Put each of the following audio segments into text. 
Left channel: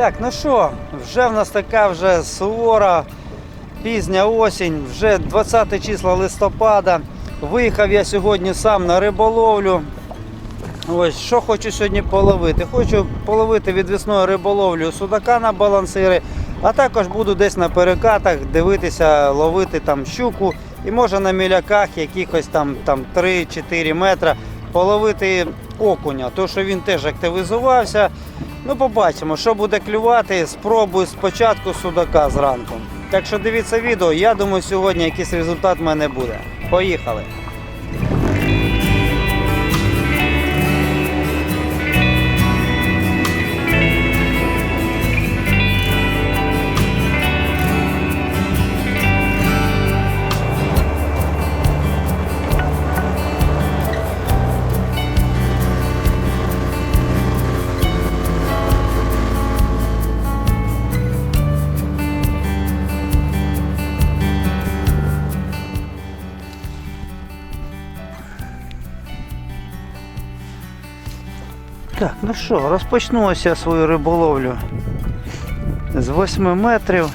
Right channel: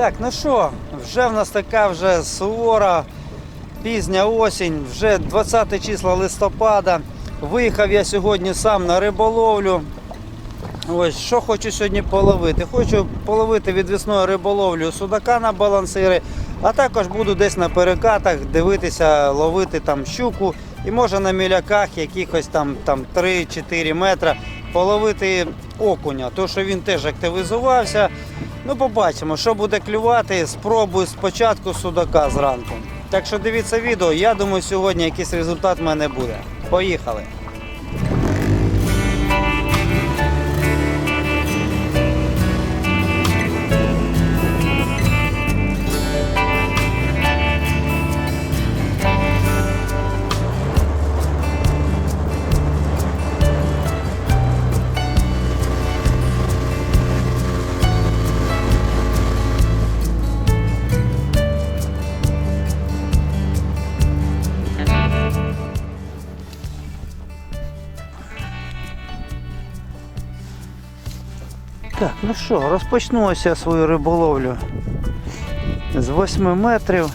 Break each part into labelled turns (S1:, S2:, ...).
S1: Так, ну що, вже в нас така вже сувора пізня осінь, вже 20 числа листопада. Виїхав я сьогодні сам на риболовлю. Ось що хочу сьогодні половити. Хочу половити відвісною риболовлю судака на балансири, а також буду десь на перекатах дивитися, ловити там щуку і може на міляках якихось там, там 3-4 метра половити окуня, тому що він теж активізувався. Ну, побачимо, що буде клювати. Спробую спочатку судака зранку. Так що дивіться відео. Я думаю, сьогодні якийсь результат в мене буде. Поїхали. Ну що, розпочну я свою риболовлю з 8 метрів.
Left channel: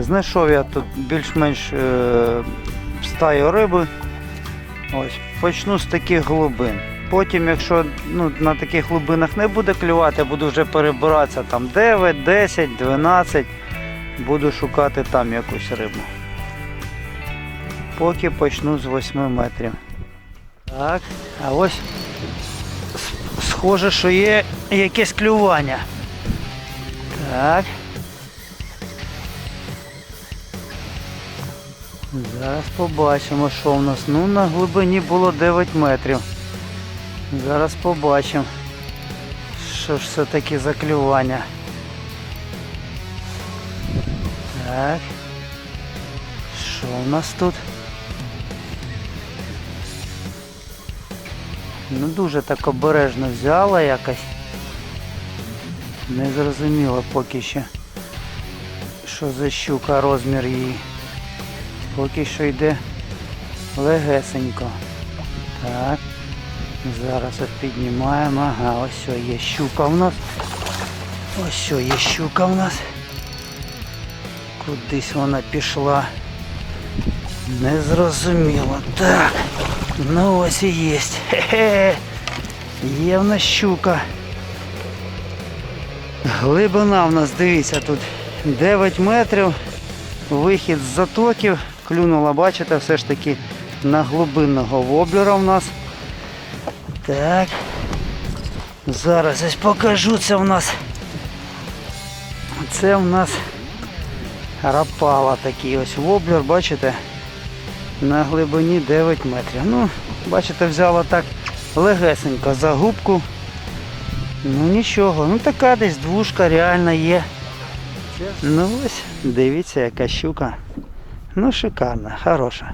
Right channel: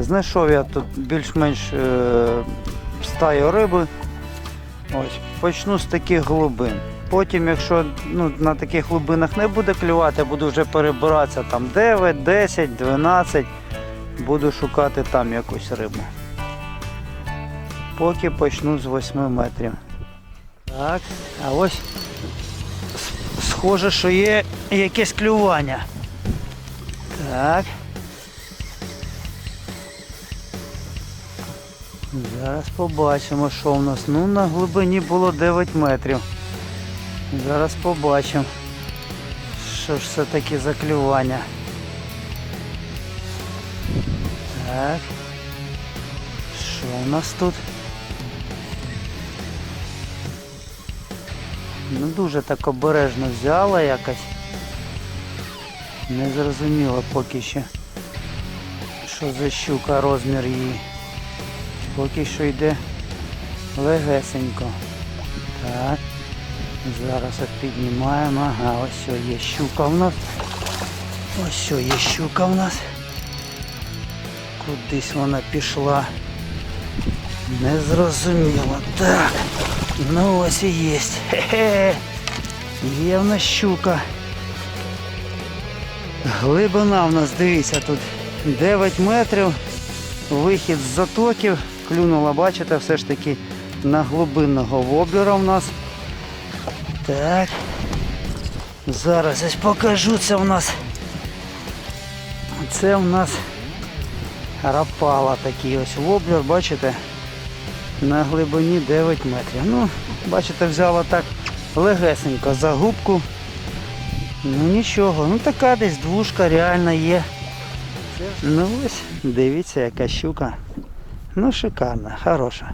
S1: Знайшов я тут більш-менш е, стаю риби. Ось, почну з таких глибин. Потім, якщо ну, на таких глибинах не буде клювати, буду вже перебиратися там 9, 10, 12. Буду шукати там якусь рибу. Поки почну з 8 метрів. Так, а ось схоже, що є якесь клювання. Так. Зараз побачимо, що в нас. Ну, на глибині було 9 метрів. Зараз побачимо, що ж це таке за клювання. Так. Що у нас тут? Ну дуже так обережно взяла якось. Не зрозуміло поки що. Що за щука, розмір її. Поки що йде легесенько. Так. Зараз от піднімаємо. Ага, ось що є щука в нас. Ось що є щука в нас. Кудись вона пішла. Незрозуміло. Так. Ну ось і є. Хе-хе. Є щука. Глибина в нас, дивіться, тут 9 метрів. Вихід з затоків. Клюнула, бачите, все ж таки на глибинного воблера в нас. Так. Зараз ось покажу це в нас. Це в нас рапала такий ось воблер, бачите? На глибині 9 метрів. Ну, бачите, взяла так легесенько за губку. Ну нічого, ну така десь двушка реально є. Ну ось, дивіться, яка щука. Ну шикарна, хороша.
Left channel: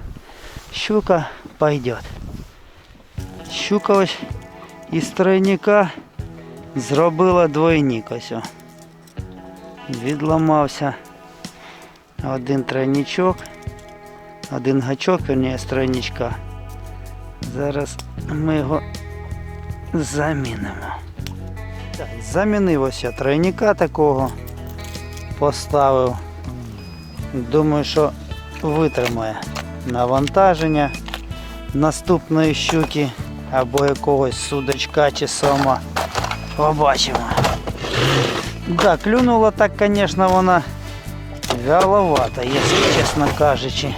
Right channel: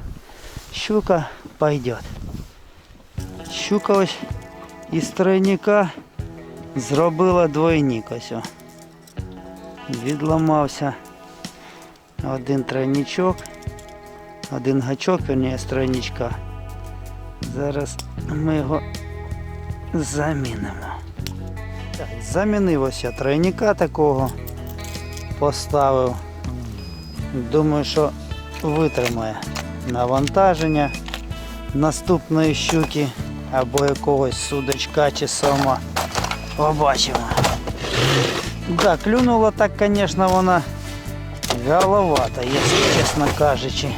S1: Щука пойдет. Щука ось із тройника зробила двойник ось. Відламався один тройничок один гачок, верніше, з тройничка. Зараз ми його замінимо. Замінив ось я тройника такого, поставив. Думаю, що витримає навантаження наступної щуки або якогось судочка чи сома. Побачимо. Так, клюнула так, звісно, вона вяловата, якщо чесно кажучи.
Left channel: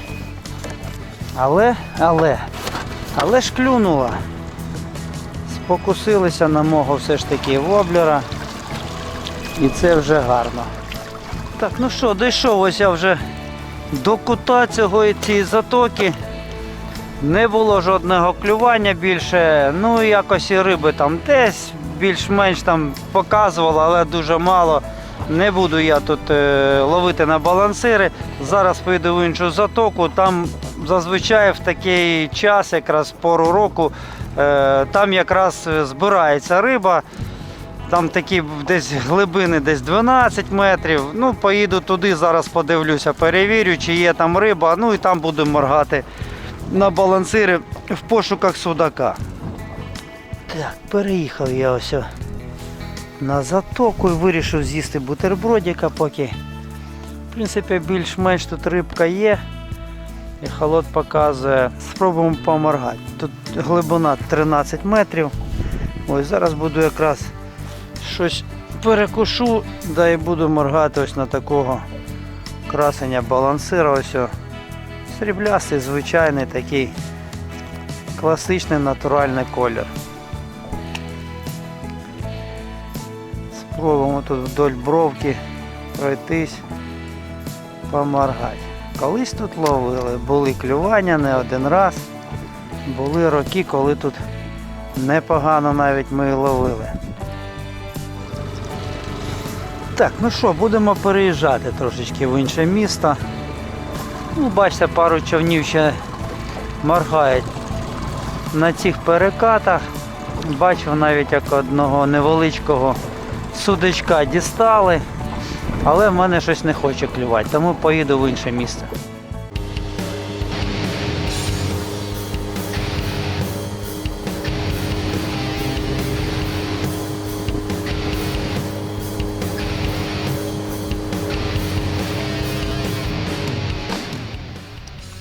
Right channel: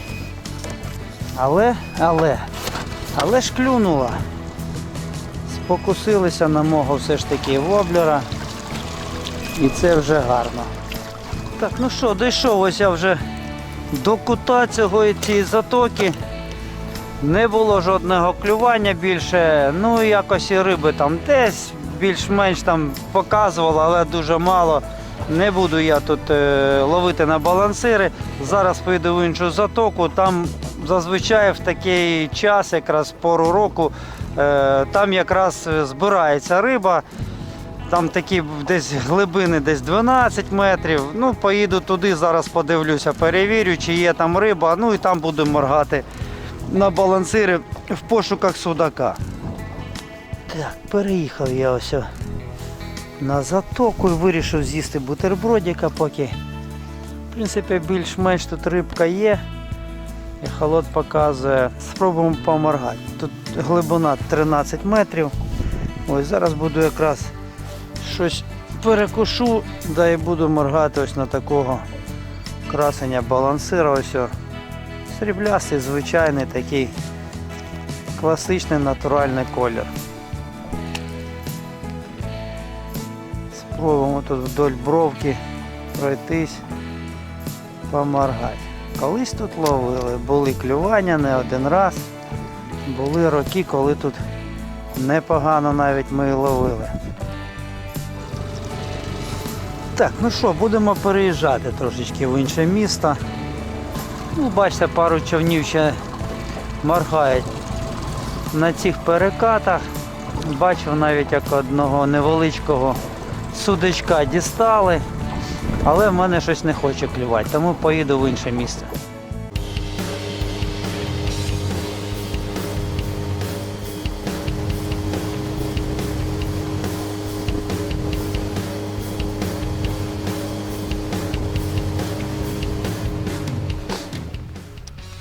S1: Але, але, але ж клюнула. Спокусилися на мого все ж таки воблера. І це вже гарно. Так, ну що, дійшов ось я вже до кута цього і цієї затоки. Не було жодного клювання більше. Ну якось і риби там десь більш-менш там показувало, але дуже мало. Не буду я тут е, ловити на балансири. Зараз поїду в іншу затоку. Там зазвичай в такий час, якраз пору року, е, там якраз збирається риба. Там такі десь глибини, десь 12 метрів. Ну, поїду туди, зараз подивлюся, перевірю, чи є там риба. Ну і там буду моргати на балансири в пошуках судака. Так, переїхав я ось на затоку і вирішив з'їсти бутербродика поки. В принципі, більш-менш тут рибка є. Холод показує. Спробуємо поморгати. Тут глибина 13 метрів. Ось зараз буду якраз щось перекушу, да і буду моргати ось на такого красення балансира. Ось сріблястий, звичайний такий класичний натуральний колір. Спробуємо тут вдоль бровки пройтись, поморгати. Колись тут ловили, були клювання не один раз. Були роки, коли тут непогано навіть ми ловили. Так, ну що, будемо переїжджати трошечки в інше місто. Ну, бачите, пару човнів ще моргають на цих перекатах. Бачив навіть як одного невеличкого судочка дістали, але в мене щось не хоче клювати, тому поїду в інше місце.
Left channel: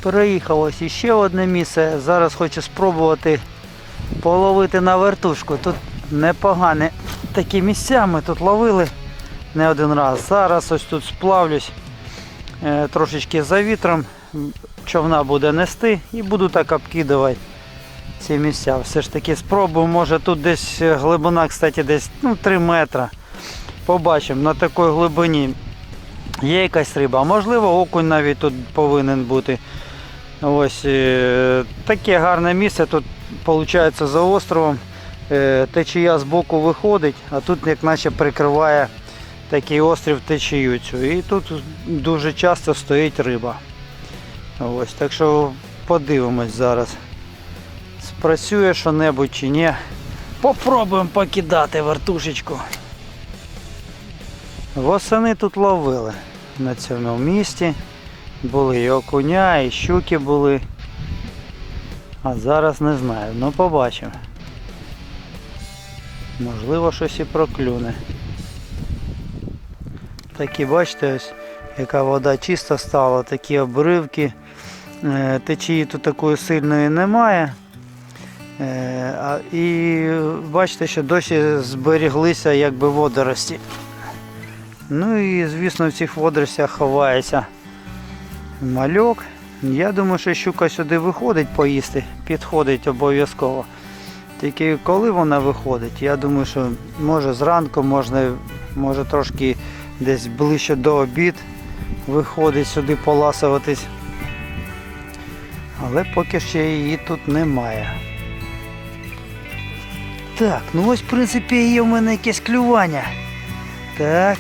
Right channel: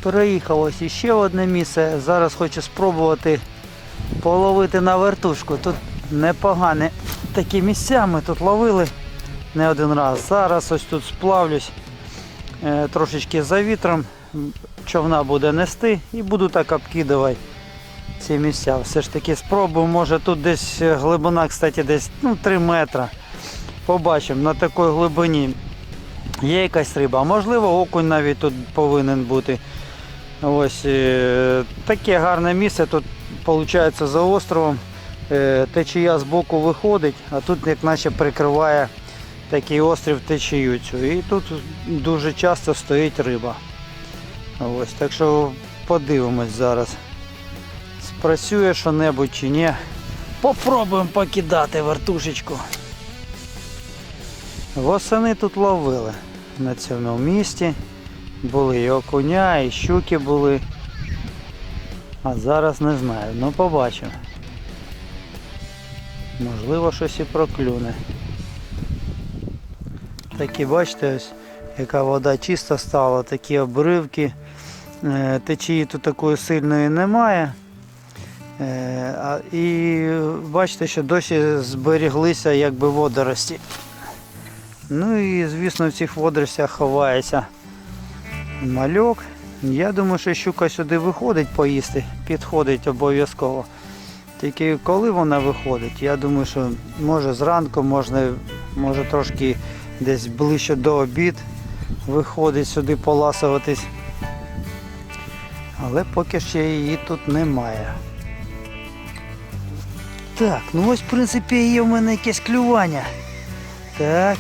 S1: Переїхав ось іще одне місце. Зараз хочу спробувати половити на вертушку. Тут непогані такі місця. Ми тут ловили не один раз. Зараз ось тут сплавлюсь е, трошечки за вітром. Човна буде нести і буду так обкидувати ці місця. Все ж таки спробую. Може тут десь глибина, кстати, десь ну, 3 метри. Побачимо на такій глибині. Є якась риба, можливо окунь навіть тут повинен бути. Ось е, таке гарне місце. Тут виходить за островом. Е, течія з боку виходить, а тут як наче прикриває такий острів течію цю. І тут дуже часто стоїть риба. Ось, так що подивимось зараз. Спрацює що-небудь чи ні. Попробуємо покидати вертушечку. Восени тут ловили на цьому місці. Були і окуня, і щуки були. А зараз не знаю. Ну побачимо. Можливо, щось і проклюне. Такі, бачите, ось, яка вода чиста стала, такі обривки. Е, Течії тут такої сильної немає. Е, І бачите, що досі зберіглися якби водорості. Ну і звісно в цих водоростях ховається мальок. Я думаю, що щука сюди виходить поїсти, підходить обов'язково. Тільки коли вона виходить, я думаю, що може зранку, можна, може трошки десь ближче до обід виходить сюди поласуватись. Але поки ще її тут немає. Так, ну ось в принципі є в мене якесь клювання. Так.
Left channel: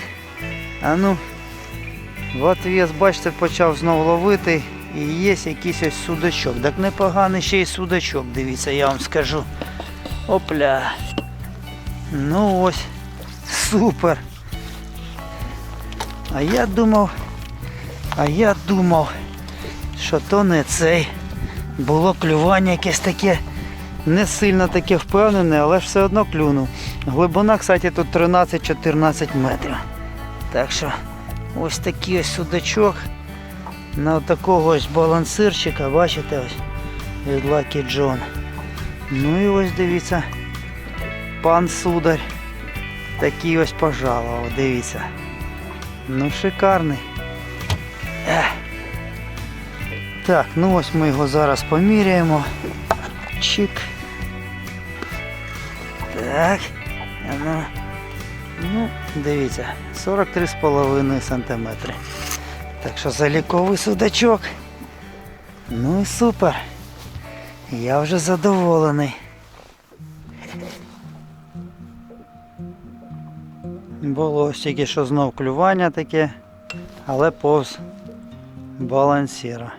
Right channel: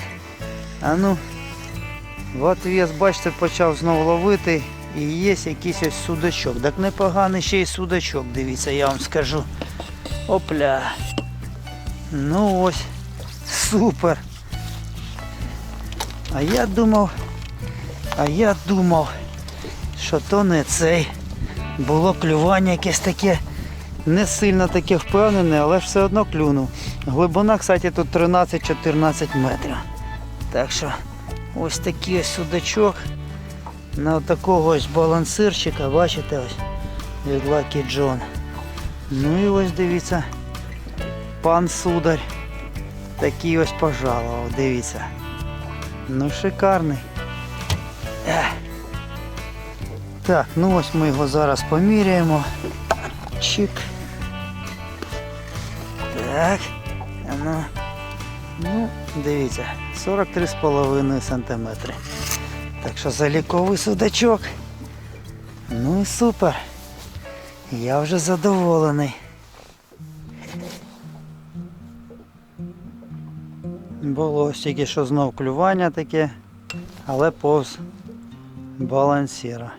S1: А ну. От я, бачите, почав знову ловити і є якийсь ось судачок. Так непоганий ще й судачок, дивіться, я вам скажу. Опля. Ну ось. Супер. А я думав, а я думав, що то не цей. Було клювання якесь таке не сильно таке впевнене, але ж все одно клюнув. Глибина, кстати, тут 13-14 метрів. Так що ось такий ось судачок на такого ось балансирчика, бачите ось від Lucky John. Ну і ось дивіться, пан сударь такий ось пожалував, дивіться. Ну шикарний. Так, ну ось ми його зараз поміряємо. Чик. Так. Ну, дивіться, 43,5 см. Так що заліковий судачок. Ну і супер. Я вже задоволений. Було ось тільки що знов клювання таке, але повз балансіра.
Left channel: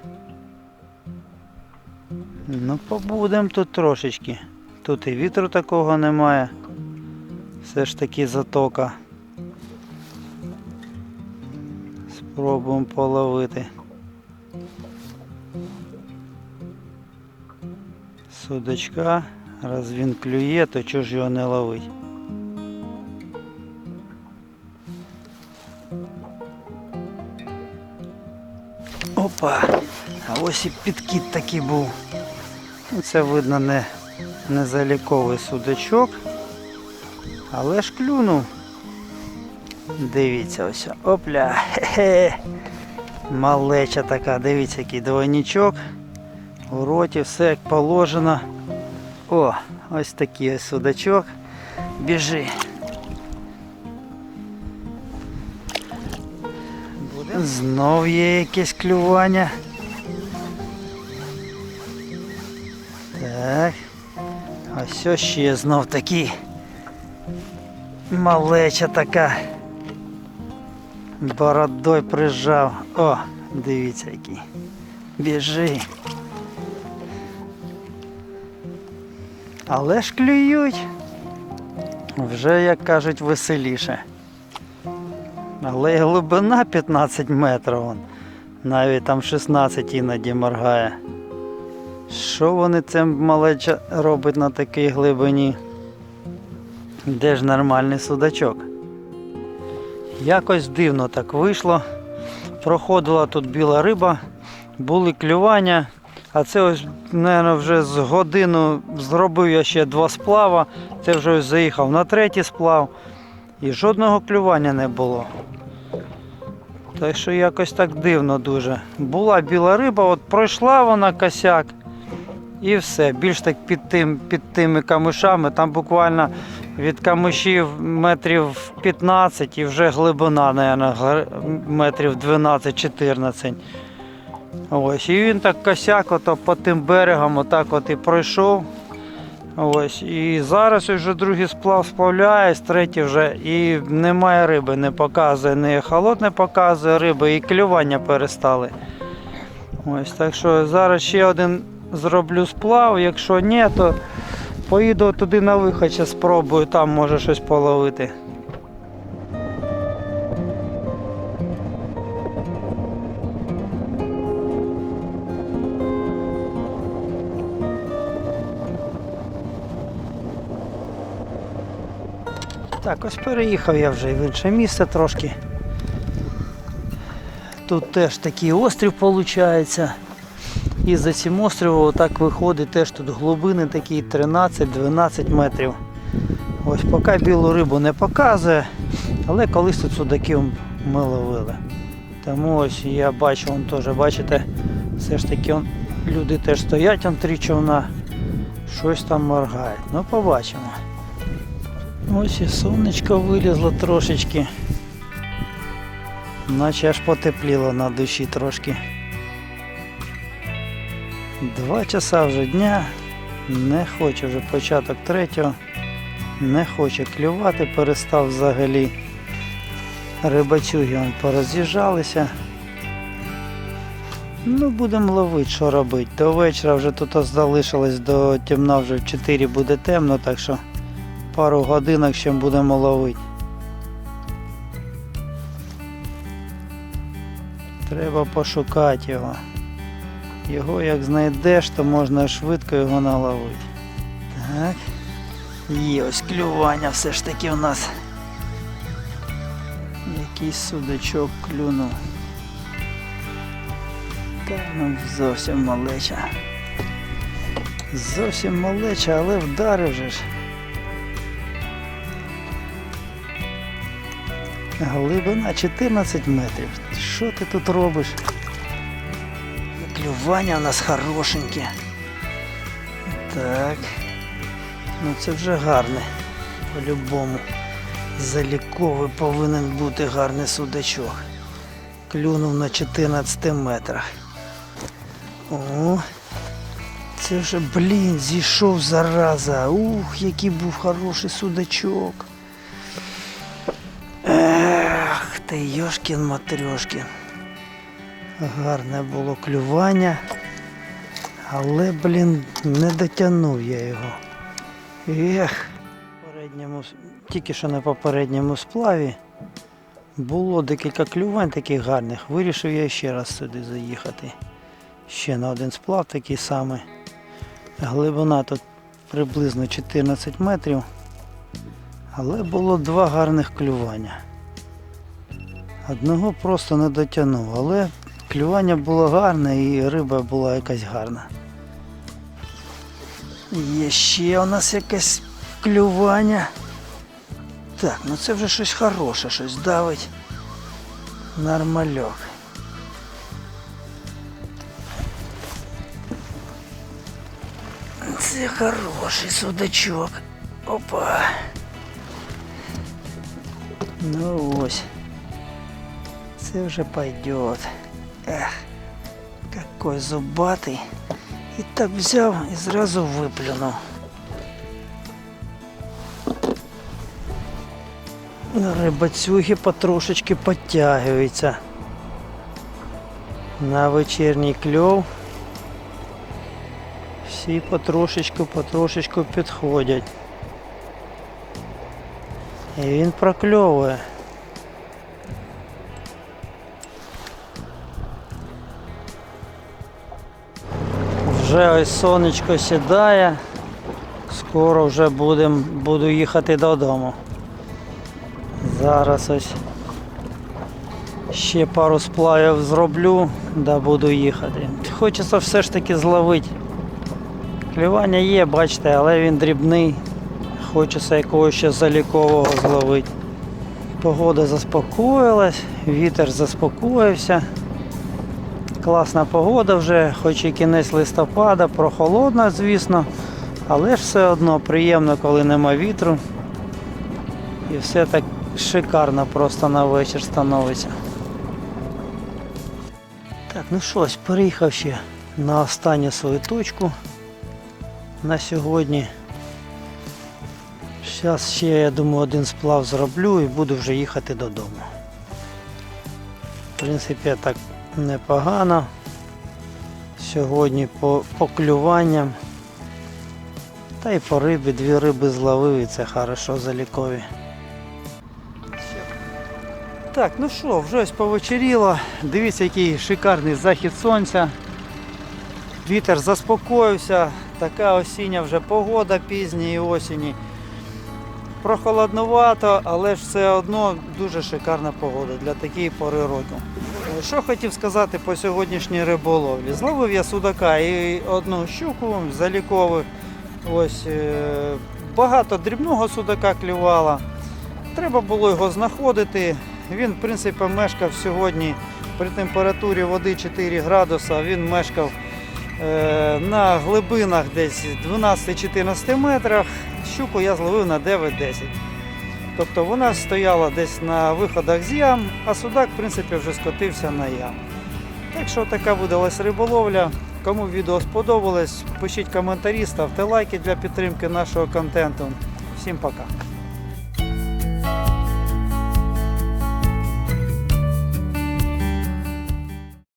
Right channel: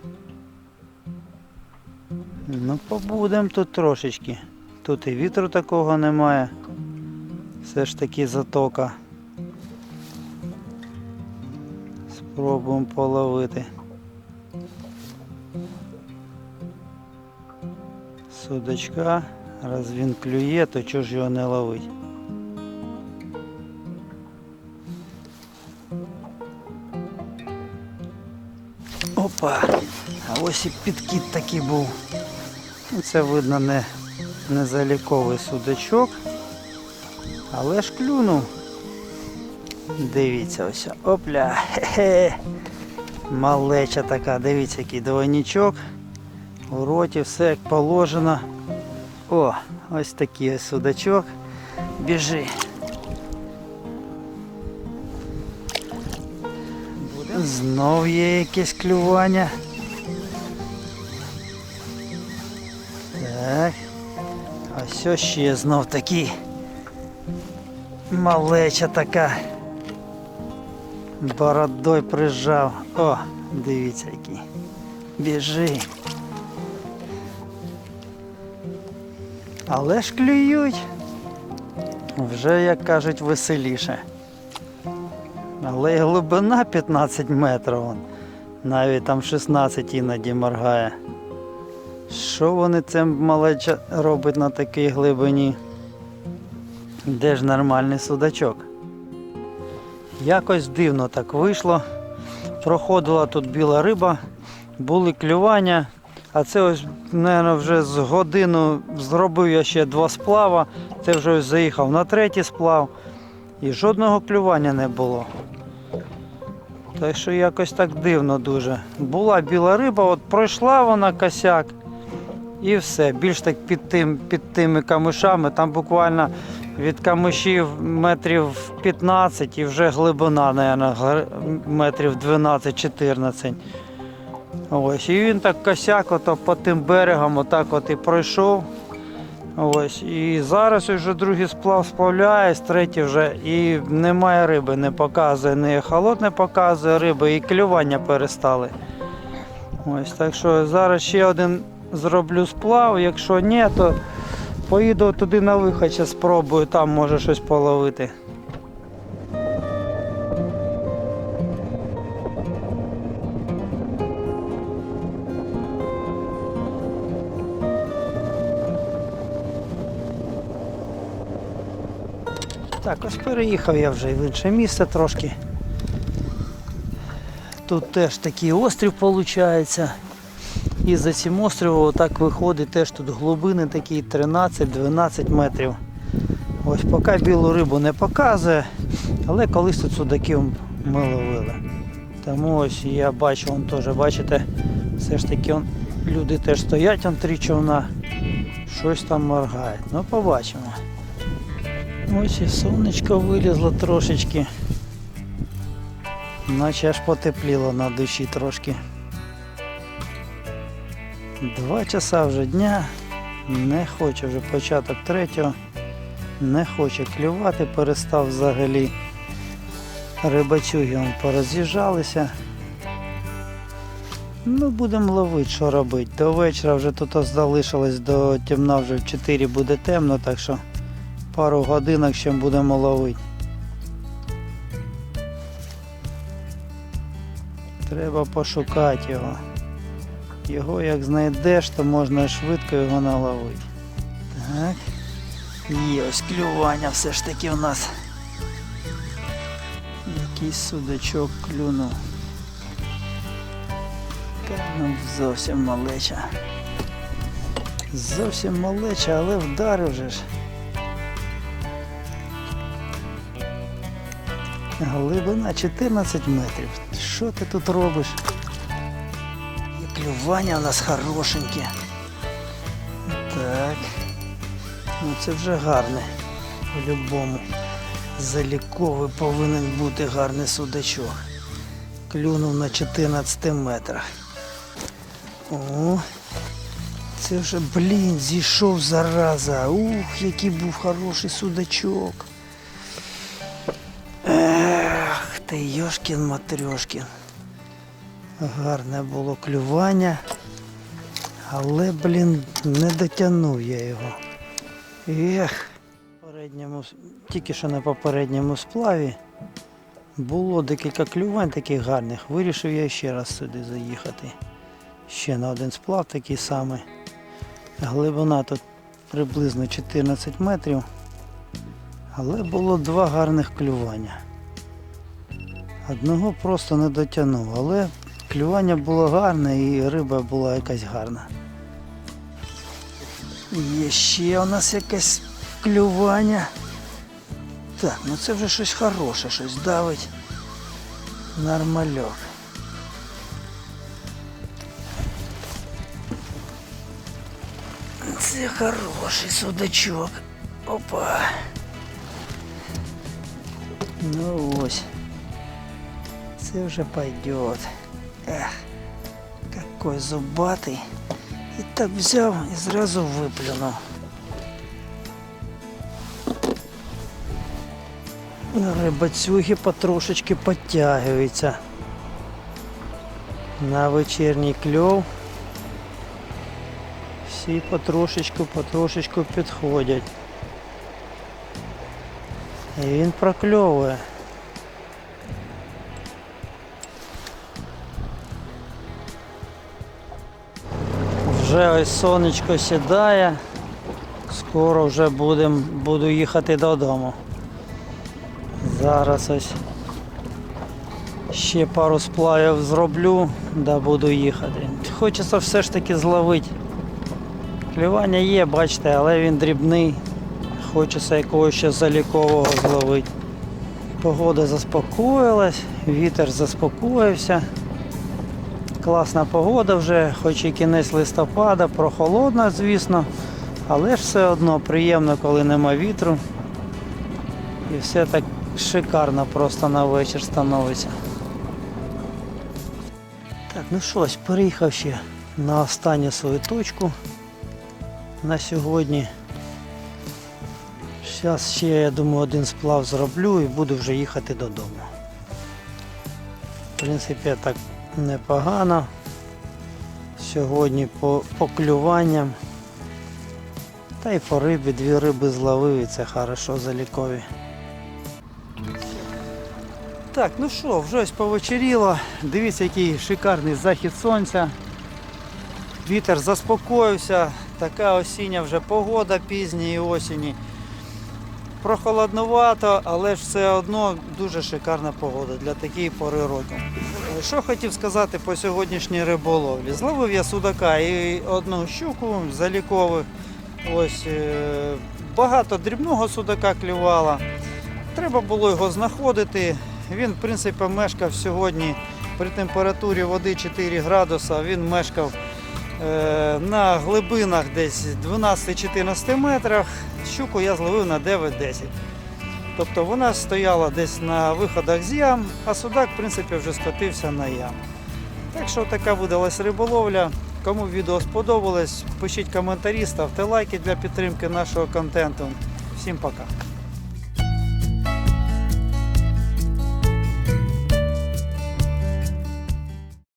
S1: Ну, побудемо тут трошечки. Тут і вітру такого немає. Все ж таки затока. Спробуємо половити. Судочка, раз він клює, то чого ж його не ловить? А ось підкіт такий був. Це видно не, не заліковий судачок. Але ж клюнув. Дивіться ось. Опля. Хе-хе. Малеча така, дивіться, який двойничок. У роті все як положено. О, ось такий ось судачок. Біжи. Знов є якесь клювання. Що ще знов такий малеча така. Бородой прижав. О, дивіться який. Біжи. Але ж клюють. Вже, як кажуть, веселіше. Але глибина 15 метрів. Навіть там 16 іноді моргає. Що вони цим малеча робить на такій глибині? Де ж нормальний судачок? Якось дивно так вийшло. Проходила тут біла риба, були клювання, а це ось, мабуть, вже з годину зробив я ще два сплава, це вже ось заїхав на третій сплав і жодного клювання не було. Так що якось так дивно дуже. Була біла риба, от пройшла вона косяк і все. Більш так під, тим, під тими камишами, там буквально від камишів метрів 15 і вже глибина, мабуть, метрів 12-14. Ось, і він так косяк ото по тим берегам отак от і пройшов. Ось, і зараз вже другий сплав сплавляється, третій вже і немає риби, не показує, не холод не показує риби, і клювання перестали. Ось, так що зараз ще один зроблю сплав, якщо ні, то поїду туди на вихід, ще спробую, там може щось половити. Так, ось переїхав я вже в інше місце трошки. Тут теж такий острів виходить. І за цим островом отак виходить теж тут глибини такі 13-12 метрів. Ось поки білу рибу не показує, але колись тут судаків ми ловили. Тому ось я бачу, вон теж, бачите, все ж таки он, люди теж стоять, он три човна, щось там моргають. Ну побачимо. Ось і сонечко вилізло трошечки. Наче аж потепліло на душі трошки. Два часа вже дня. Не хоче вже початок третього. Не хоче клювати, перестав взагалі. Рибачуги пороз'їжджалися. Ну, будемо ловити, що робити. До вечора вже тут залишилось до темна вже в 4 буде темно, так що пару годинок ще будемо ловити. Треба пошукати його. Його як знайдеш, то можна швидко його наловити. Так. Є ось клювання все ж таки у нас. Якийсь судачок клюнув. Так, ну зовсім малеча. Зовсім малеча, але вдарив же ж. Глибина 14 метрів. Що ти тут робиш? Клювання у нас хорошеньке. Так. Ну це вже гарне. По-любому. Заліковий повинен бути гарний судачок. Клюнув на 14 метрах. О, це вже, блін, зійшов зараза. Ух, який був хороший судачок. Ех, ти Йошкін Матрьошкін. Гарне було клювання. Але, блін, не дотягнув я його. Ех. Попередньому, тільки що на попередньому сплаві було декілька клювань таких гарних. Вирішив я ще раз сюди заїхати. Ще на один сплав такий самий. Глибина тут приблизно 14 метрів. Але було два гарних клювання. Одного просто не дотягнув, але клювання було гарне і риба була якась гарна. Є ще у нас якесь клювання. Так, ну це вже щось хороше, щось давить. Нормальок. Це хороший судачок. Опа. Ну ось. Це вже пойдет. Эх, какой зубатий. І так взяв і зразу виплюнув. Ну, Рибацюги потрошечки підтягуються. На вечірній кльов. Всі потрошечку, потрошечку підходять. І він прокльовує. Вже ось сонечко сідає. Скоро вже будем, буду їхати додому. Зараз ось ще пару сплавів зроблю, да буду їхати. Хочеться все ж таки зловити. Клювання є, бачите, але він дрібний. Хочеться якогось ще залікового зловити. Погода заспокоїлась, вітер заспокоївся. Класна погода вже, хоч і кінець листопада, прохолодна, звісно, але ж все одно приємно, коли нема вітру. І все так шикарно просто на вечір становиться. Так, ну що, переїхав ще на останню свою точку на сьогодні. Зараз ще, я думаю, один сплав зроблю і буду вже їхати додому. В принципі, так непогано. Сьогодні по, по клюванням. Та й по рибі, дві риби зловив і це хорошо залікові. Так, ну що, вже ось повечеріло. Дивіться, який шикарний захід сонця. Вітер заспокоївся, така осіння вже погода пізньої осені. Прохолоднувато, але ж все одно дуже шикарна погода для такої пори року. Що хотів сказати по сьогоднішній риболовлі? Зловив я судака і одну щуку залікових. Ось е, багато дрібного судака клювало. Треба було його знаходити. Він, в принципі, мешкав сьогодні при температурі води 4 градуса. Він мешкав е, на глибинах десь 12-14 метрах. Щуку я зловив на 9-10. Тобто вона стояла десь на виходах з ям, а судак, в принципі, вже скотився на ям. Так що така видалась риболовля. Кому відео сподобалось, пишіть коментарі, ставте лайки для підтримки нашого контенту. Всім пока.